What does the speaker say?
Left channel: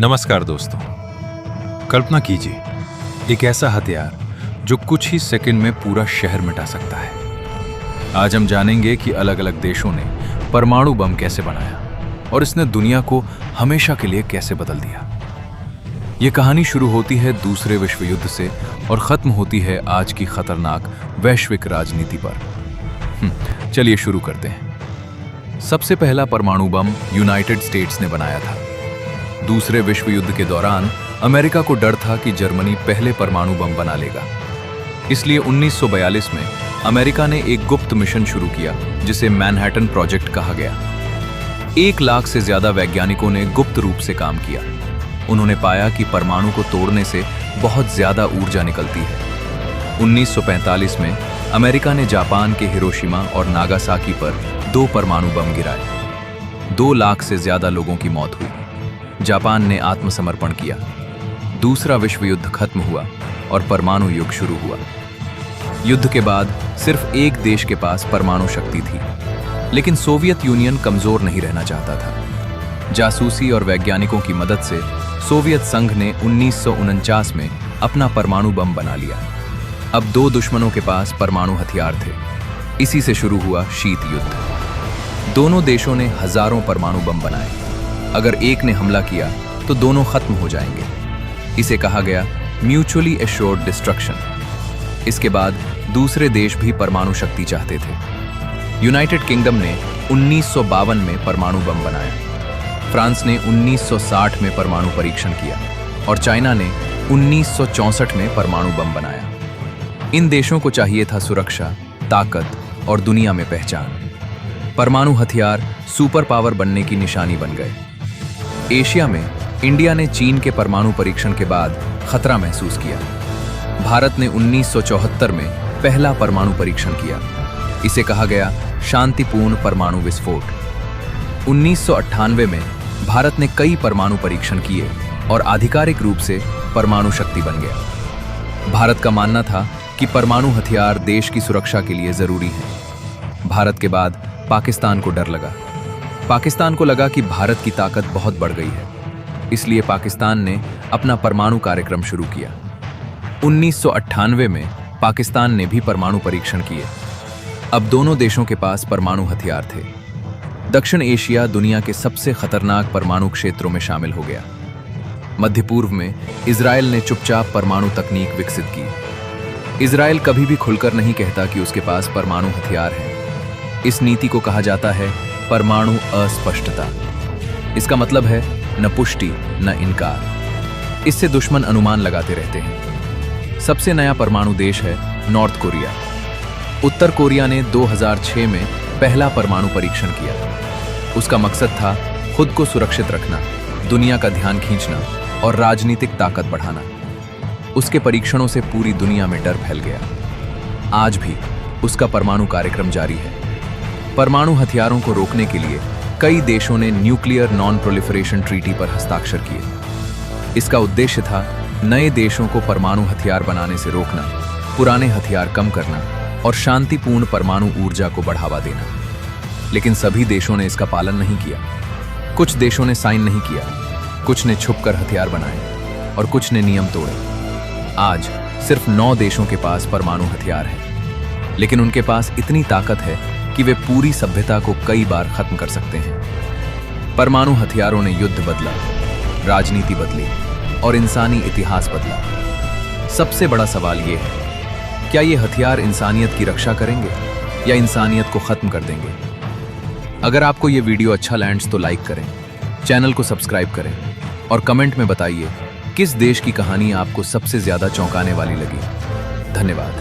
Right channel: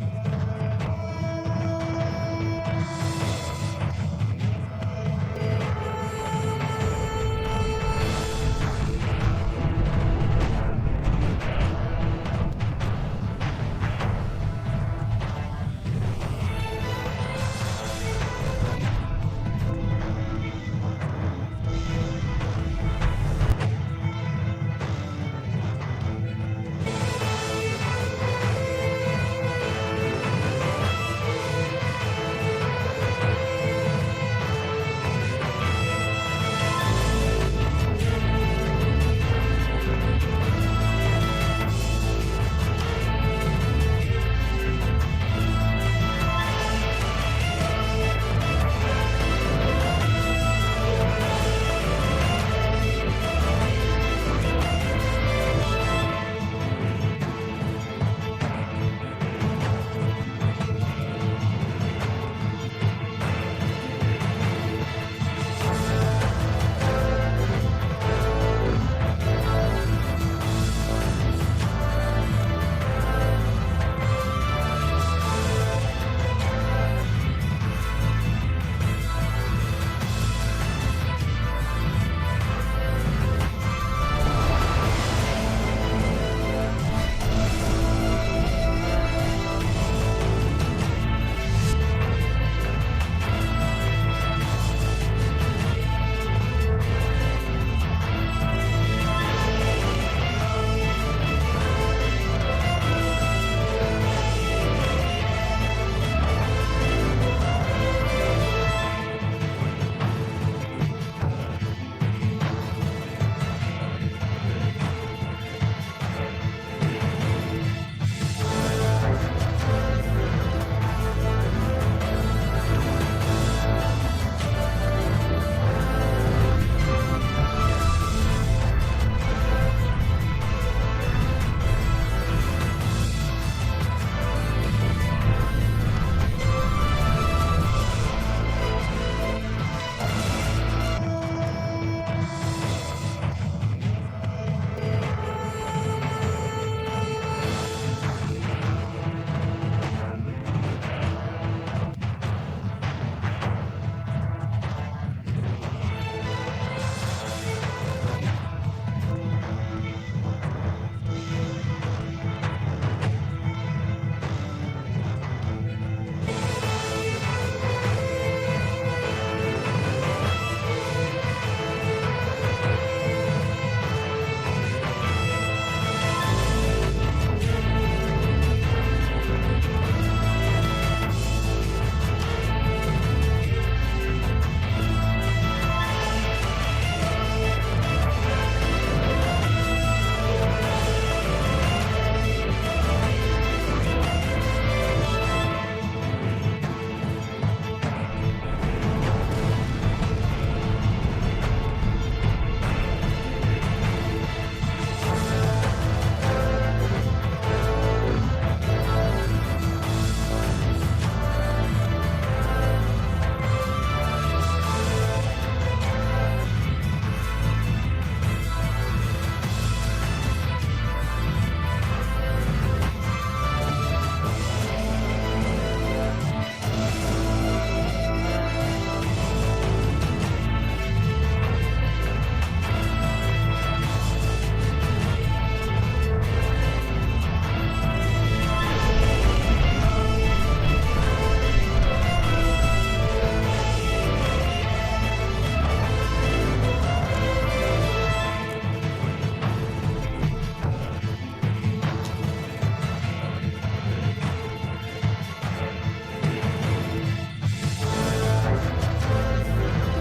नमस्कार दोस्तों। कल्पना कीजिए एक ऐसा हथियार जो कुछ ही सेकंड में पूरा शहर मिटा सकता है। आज हम जानेंगे कि अलग अलग देशों ने परमाणु बम कैसे बनाया और इसने दुनिया को हमेशा के लिए कैसे बदल दिया। ये कहानी शुरू होती है दूसरे विश्व युद्ध से और खत्म होती है आज की खतरनाक वैश्विक राजनीति पर। चलिए शुरू करते हैं। सबसे पहला परमाणु बम यूनाइटेड स्टेट्स ने बनाया था। दूसरे विश्व युद्ध के दौरान अमेरिका को डर था कि जर्मनी पहले परमाणु बम बना लेगा। इसलिए 1942 में अमेरिका ने एक गुप्त मिशन शुरू किया जिसे मैनहट्टन प्रोजेक्ट कहा गया। 1 लाख से ज्यादा वैज्ञानिकों ने गुप्त रूप से काम किया। उन्होंने पाया कि परमाणु को तोड़ने से बहुत ज्यादा ऊर्जा निकलती है। 1945 में अमेरिका ने जापान के हिरोशिमा और नागासाकी पर 2 परमाणु बम गिराए। 2 लाख से ज्यादा लोगों की मौत हुई। जापान ने आत्मसमर्पण किया। दूसरा विश्व युद्ध खत्म हुआ और परमाणु युग शुरू हुआ। युद्ध के बाद सिर्फ एक देश के पास परमाणु शक्ति थी, लेकिन सोवियत यूनियन कमजोर नहीं रहना चाहता था। जासूसी और वैज्ञानिकों की मदद से सोवियत संघ ने 1949 में अपना परमाणु बम बना लिया। अब 2 दुश्मनों के पास परमाणु हथियार थे। इसी से शुरू हुआ शीत युद्ध। दोनों देशों ने हजारों परमाणु बम बनाए। अगर एक ने हमला किया तो दोनों खत्म हो जाएंगे। इसे कहा गया म्यूचुअली एश्योर्ड डिस्ट्रक्शन। इसके बाद दूसरे देश भी परमाणु शक्ति चाहते थे। यूनाइटेड किंगडम ने 1952 में परमाणु बम बनाया। फ्रांस ने 1960 में परमाणु परीक्षण किया और चाइना ने 1964 में परमाणु बम बनाया। इन देशों को चाहिए था सुरक्षा, ताकत और दुनिया में पहचान। परमाणु हथियार सुपर पावर बनने की निशानी बन गए। एशिया में इंडिया ने चीन के परमाणु परीक्षण के बाद खतरा महसूस किया। भारत ने 1974 में पहला परमाणु परीक्षण किया। इसे कहा गया शांतिपूर्ण परमाणु विस्फोट। 1998 में भारत ने कई परमाणु परीक्षण किए और आधिकारिक रूप से परमाणु शक्ति बन गए। भारत का मानना था कि परमाणु हथियार देश की सुरक्षा के लिए जरूरी है। भारत के बाद पाकिस्तान को डर लगा। पाकिस्तान को लगा कि भारत की ताकत बहुत बढ़ गई है, इसलिए पाकिस्तान ने अपना परमाणु कार्यक्रम शुरू किया। 1998 में पाकिस्तान ने भी परमाणु परीक्षण किए। अब दोनों देशों के पास परमाणु हथियार थे। दक्षिण एशिया दुनिया के सबसे खतरनाक परमाणु क्षेत्रों में शामिल हो गया। मध्य पूर्व में इजराइल ने चुपचाप परमाणु तकनीक विकसित की। इजराइल कभी भी खुलकर नहीं कहता कि उसके पास परमाणु हथियार है। इस नीति को कहा जाता है परमाणु अस्पष्टता। इसका मतलब है न पुष्टि न इनकार। इससे दुश्मन अनुमान लगाते रहते हैं। सबसे नया परमाणु देश है नॉर्थ कोरिया। उत्तर कोरिया ने 2006 में पहला परमाणु परीक्षण किया। उसका मकसद था खुद को सुरक्षित रखना, दुनिया का ध्यान खींचना और राजनीतिक ताकत बढ़ाना। उसके परीक्षणों से पूरी दुनिया में डर फैल गया। आज भी उसका परमाणु कार्यक्रम जारी है। परमाणु हथियारों को रोकने के लिए कई देशों ने न्यूक्लियर नॉन प्रोलिफरेशन ट्रीटी पर हस्ताक्षर किए। इसका उद्देश्य था नए देशों को परमाणु हथियार बनाने से रोकना, पुराने हथियार कम करना और शांतिपूर्ण परमाणु ऊर्जा को बढ़ावा देना। लेकिन सभी देशों ने इसका पालन नहीं किया। कुछ देशों ने साइन नहीं किया, कुछ ने छुपकर हथियार बनाए और कुछ ने नियम तोड़े। आज सिर्फ 9 देशों के पास परमाणु हथियार है, लेकिन उनके पास इतनी ताकत है कि वे पूरी सभ्यता को कई बार खत्म कर सकते हैं। परमाणु हथियारों ने युद्ध बदला, राजनीति बदली और इंसानी इतिहास बदला। सबसे बड़ा सवाल ये है, क्या ये हथियार इंसानियत की रक्षा करेंगे या इंसानियत को खत्म कर देंगे? अगर आपको ये वीडियो अच्छा लैंड्स तो लाइक करें, चैनल को सब्सक्राइब करें और कमेंट में बताइए किस देश की कहानी आपको सबसे ज्यादा चौंकाने वाली लगी। धन्यवाद।